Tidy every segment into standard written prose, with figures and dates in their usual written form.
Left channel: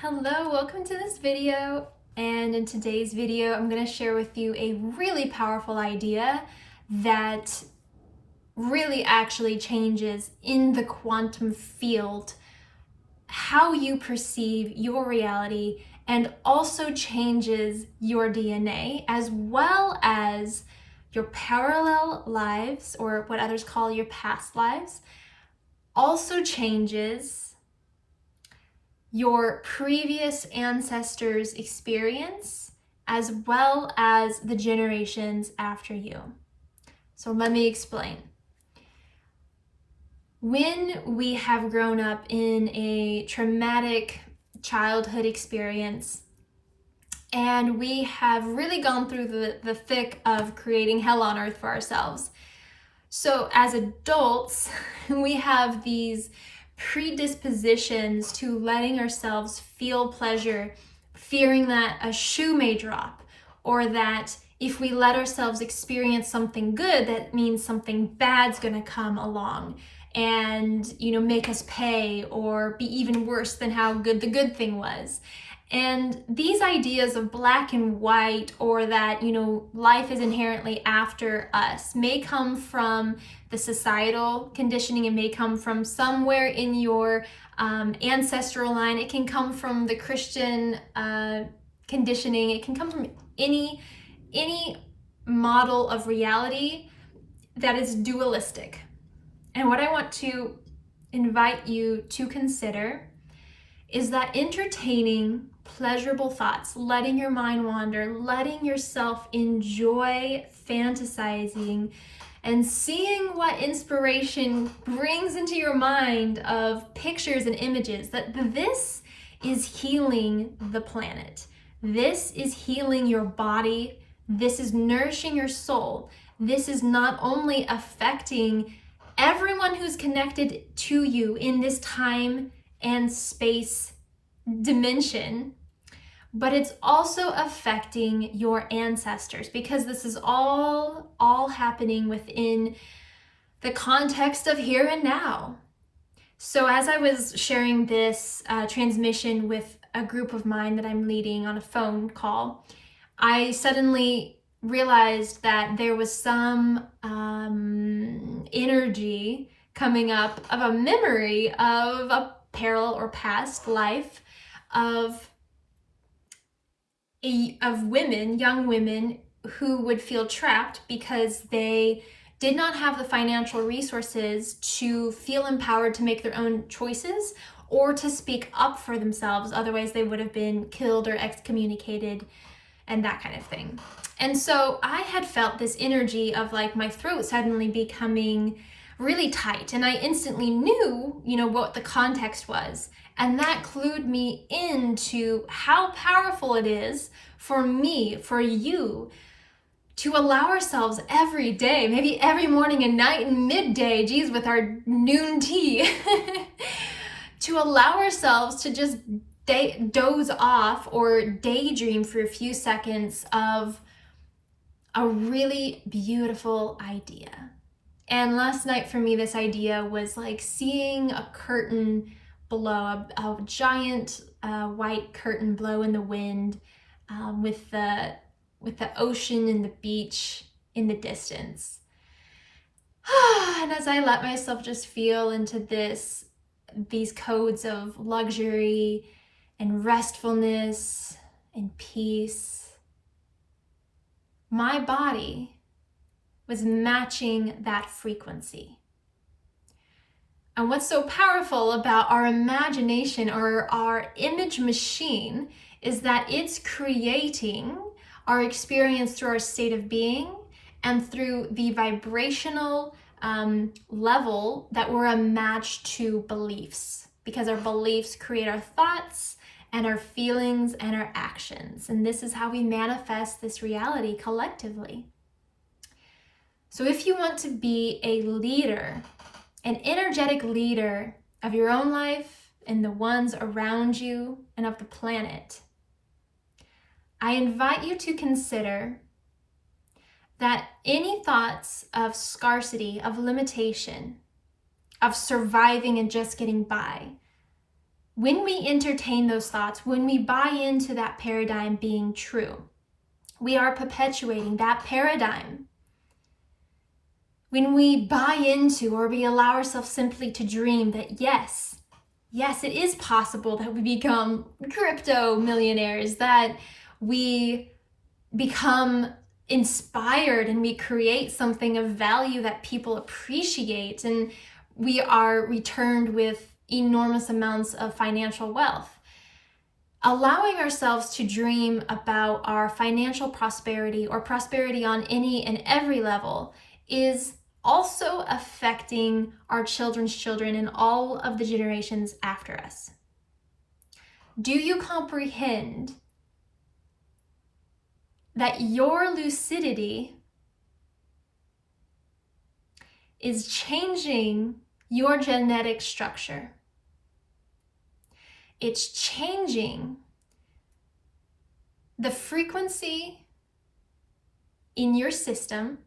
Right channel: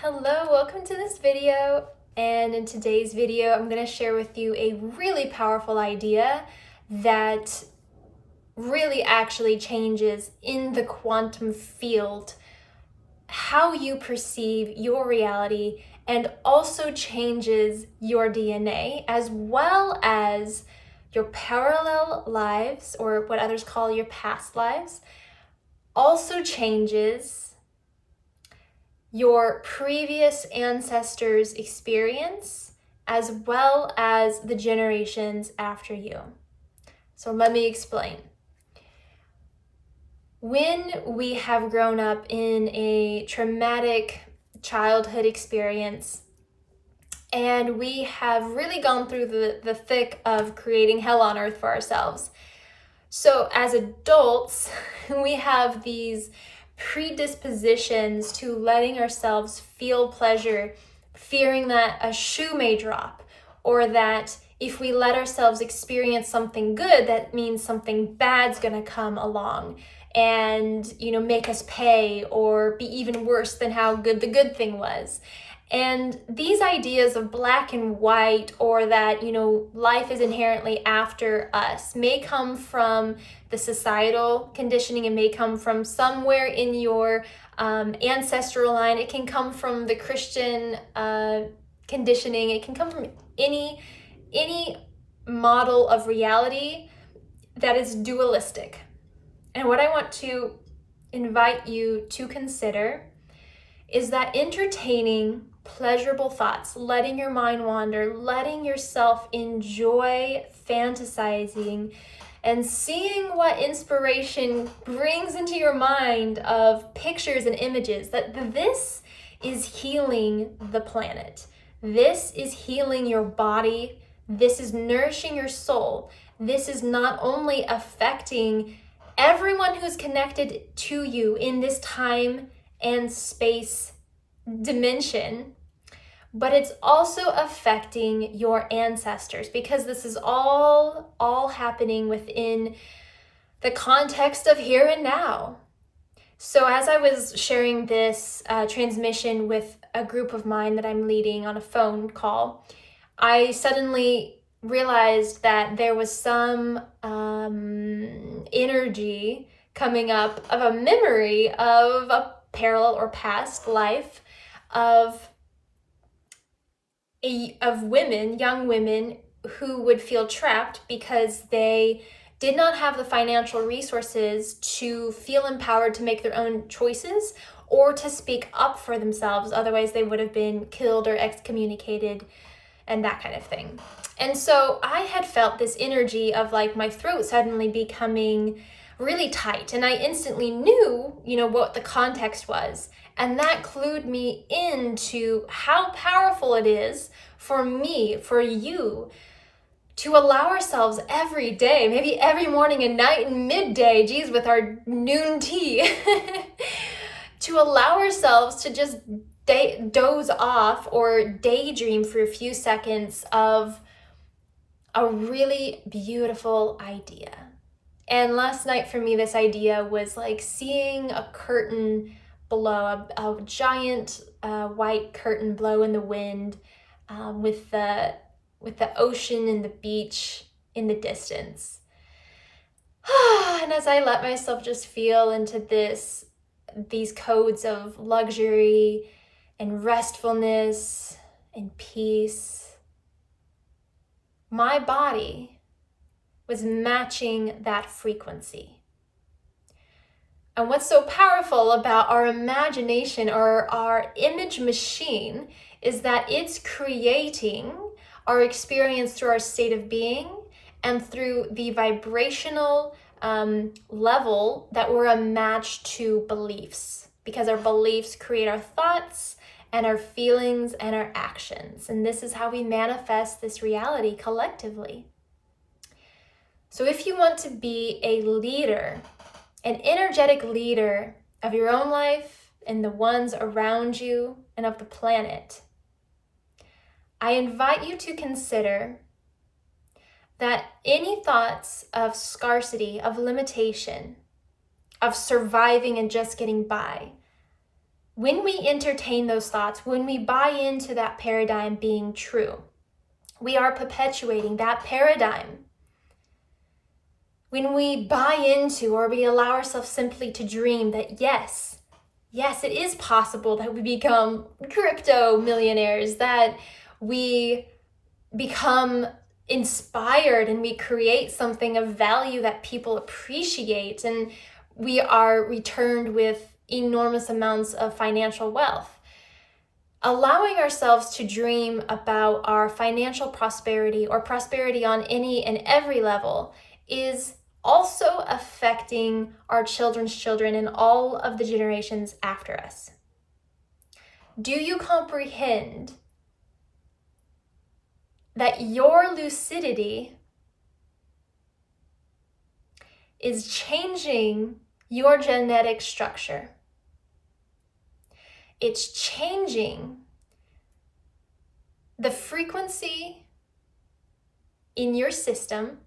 Hello, welcome to this video. And in today's video, I'm going to share with you a really powerful idea that really actually changes in the quantum field how you perceive your reality and also changes your DNA as well as your parallel lives, or what others call your past lives, also changes your previous ancestors' experience as well as the generations after you. So let me explain. When we have grown up in a traumatic childhood experience and we have really gone through the thick of creating hell on earth for ourselves, so as adults, we have these predispositions to letting ourselves feel pleasure, fearing that a shoe may drop, or that if we let ourselves experience something good, that means something bad's gonna come along and, make us pay or be even worse than how good the good thing was. And these ideas of black and white, or that, life is inherently after us, may come from the societal conditioning. It may come from somewhere in your ancestral line. It can come from the Christian conditioning. It can come from any model of reality that is dualistic. And what I want to invite you to consider is that entertaining pleasurable thoughts, letting your mind wander, letting yourself enjoy fantasizing and seeing what inspiration brings into your mind of pictures and images, that this is healing the planet. This is healing your body. This is nourishing your soul. This is not only affecting everyone who's connected to you in this time and space dimension, but it's also affecting your ancestors, because this is all happening within the context of here and now. So as I was sharing this transmission with a group of mine that I'm leading on a phone call, I suddenly realized that there was some energy coming up of a memory of a parallel or past life of women, young women, who would feel trapped because they did not have the financial resources to feel empowered to make their own choices or to speak up for themselves. Otherwise, they would have been killed or excommunicated and that kind of thing. And so I had felt this energy of like my throat suddenly becoming really tight, and I instantly knew, what the context was. And that clued me into how powerful it is for me, for you, to allow ourselves every day, maybe every morning and night and midday, with our noon tea, to allow ourselves to just doze off or daydream for a few seconds of a really beautiful idea. And last night for me, this idea was like seeing a curtain blow, a giant white curtain blow in the wind, with the ocean and the beach in the distance. And as I let myself just feel into these codes of luxury and restfulness and peace, my body was matching that frequency. And what's so powerful about our imagination, or our image machine, is that it's creating our experience through our state of being and through the vibrational level that we're a match to beliefs, because our beliefs create our thoughts and our feelings and our actions. And this is how we manifest this reality collectively. So if you want to be a leader, an energetic leader of your own life and the ones around you and of the planet, I invite you to consider that any thoughts of scarcity, of limitation, of surviving and just getting by, when we entertain those thoughts, when we buy into that paradigm being true, we are perpetuating that paradigm. When we buy into, or we allow ourselves simply to dream that yes, it is possible that we become crypto millionaires, that we become inspired and we create something of value that people appreciate, and we are returned with enormous amounts of financial wealth. Allowing ourselves to dream about our financial prosperity or prosperity on any and every level is also affecting our children's children and all of the generations after us. Do you comprehend that your lucidity is changing your genetic structure? It's changing the frequency in your system.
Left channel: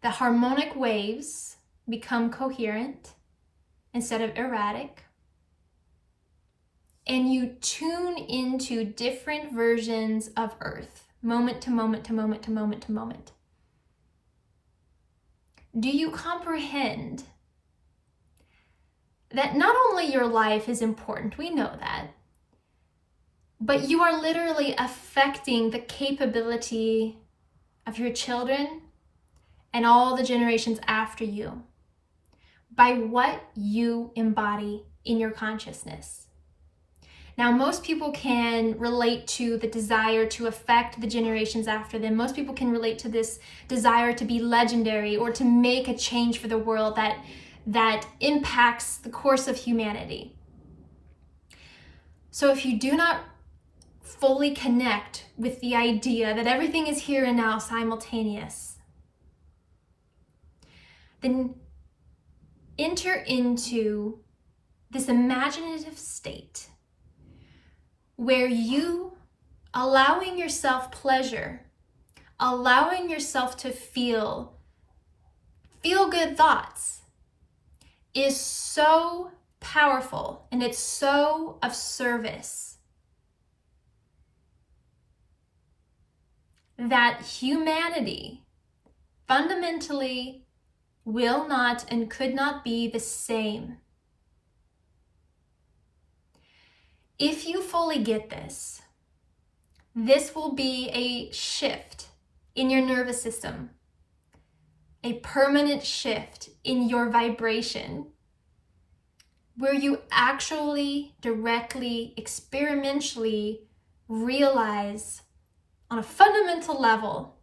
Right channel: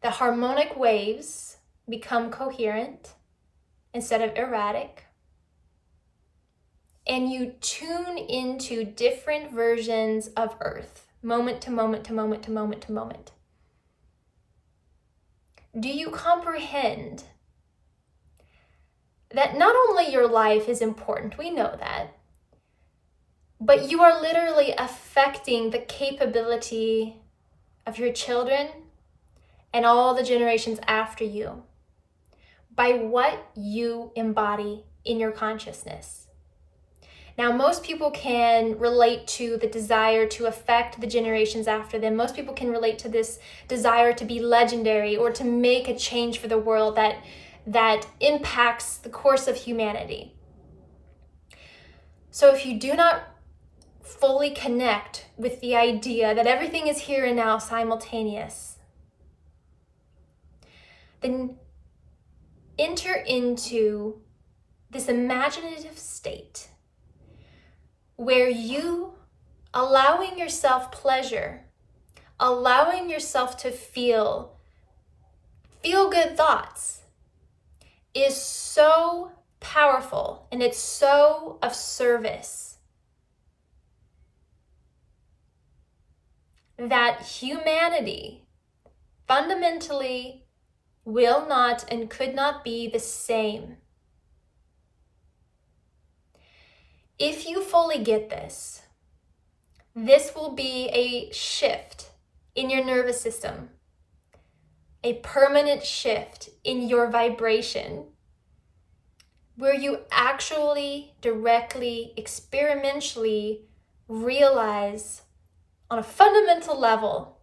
The harmonic waves become coherent instead of erratic. And you tune into different versions of Earth, moment to moment to moment to moment to moment. Do you comprehend that not only your life is important, we know that, but you are literally affecting the capability of your children and all the generations after you by what you embody in your consciousness? Now, most people can relate to the desire to affect the generations after them. Most people can relate to this desire to be legendary or to make a change for the world that impacts the course of humanity. So if you do not fully connect with the idea that everything is here and now simultaneous, then enter into this imaginative state where you, allowing yourself pleasure, allowing yourself to feel good thoughts, is so powerful and it's so of service that humanity fundamentally will not and could not be the same. If you fully get this, this will be a shift in your nervous system, a permanent shift in your vibration, where you actually directly, experientially realize on a fundamental level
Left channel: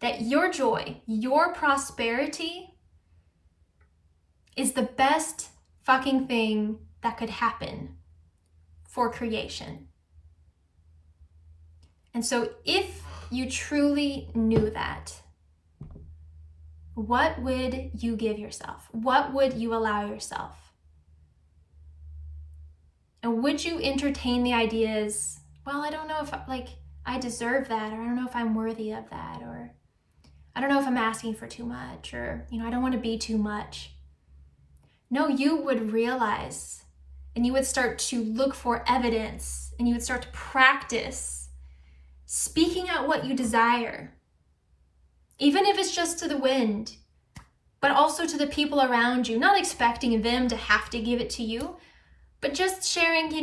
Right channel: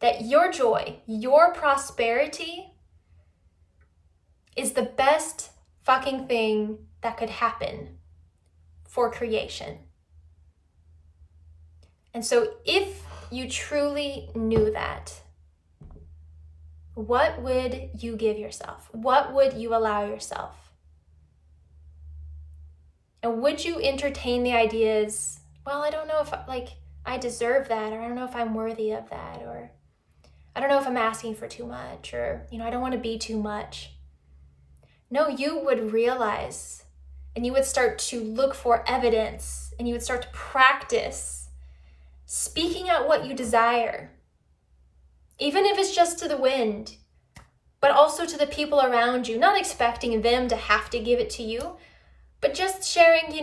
that your joy, your prosperity is the best fucking thing that could happen for creation. And so if you truly knew that, what would you give yourself? What would you allow yourself? And would you entertain the ideas, well, I don't know if I deserve that, or I don't know if I'm worthy of that, or I don't know if I'm asking for too much, or I don't want to be too much. No, you would realize, and you would start to look for evidence, and you would start to practice speaking out what you desire, even if it's just to the wind, but also to the people around you, not expecting them to have to give it to you, but just sharing,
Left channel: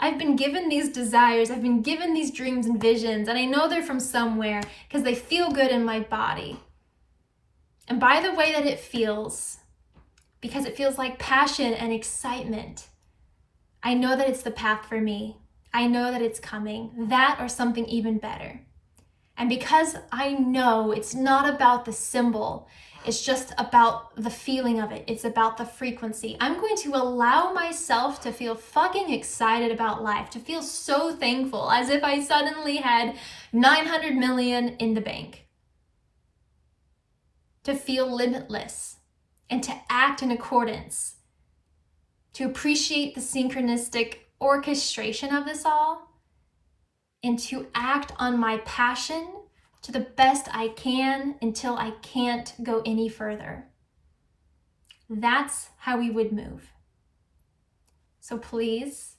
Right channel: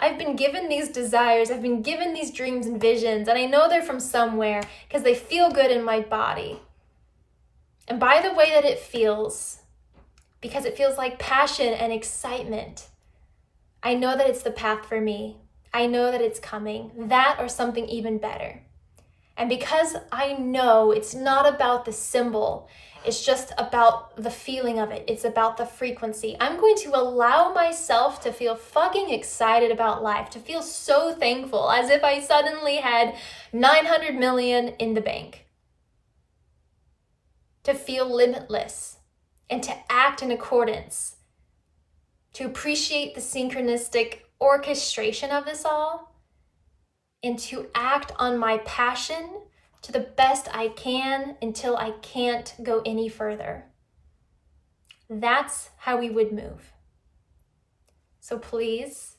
I've been given these desires, I've been given these dreams and visions, and I know they're from somewhere because they feel good in my body. And by the way that it feels, because it feels like passion and excitement, I know that it's the path for me. I know that it's coming, that or something even better. And because I know it's not about the symbol, it's just about the feeling of it. It's about the frequency. I'm going to allow myself to feel fucking excited about life, to feel so thankful, as if I suddenly had 900 million in the bank. To feel limitless and to act in accordance, to appreciate the synchronistic orchestration of this all, and to act on my passion to the best I can until I can't go any further. That's how we would move. So please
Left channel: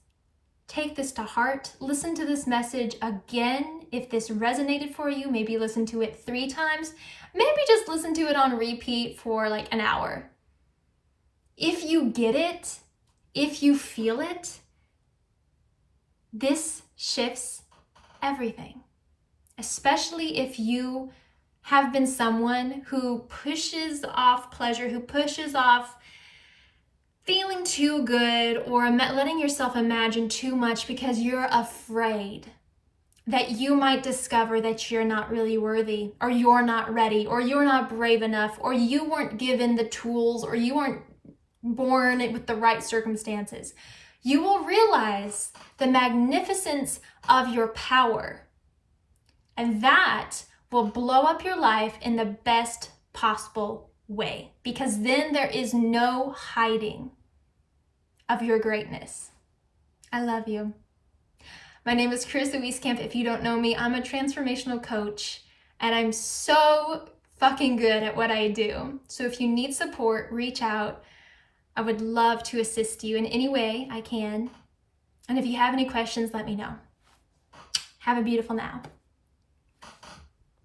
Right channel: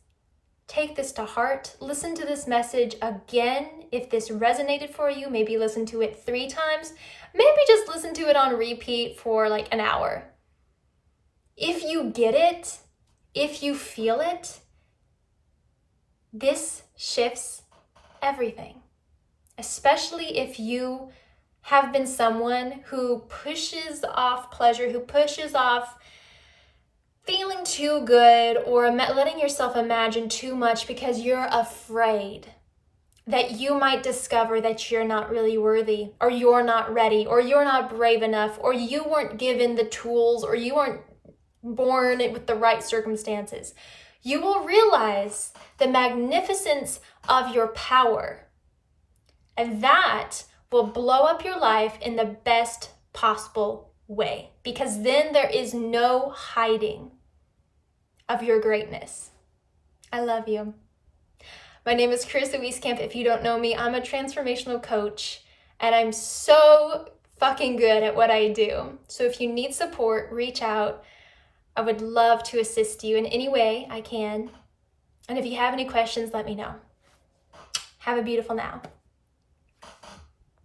take this to heart. Listen to this message again. If this resonated for you, maybe listen to it 3 times. Maybe just listen to it on repeat for like an hour. If you get it, if you feel it, this shifts everything. Especially if you have been someone who pushes off pleasure, who pushes off feeling too good or letting yourself imagine too much because you're afraid that you might discover that you're not really worthy, or you're not ready, or you're not brave enough, or you weren't given the tools, or you weren't born with the right circumstances. You will realize the magnificence of your power, and that will blow up your life in the best possible way, because then there is no hiding of your greatness. I love you. My name is Karissa Wieskamp. If you don't know me, I'm a transformational coach, and I'm so fucking good at what I do. So if you need support, reach out. I would love to assist you in any way I can. And if you have any questions, let me know. Have a beautiful now.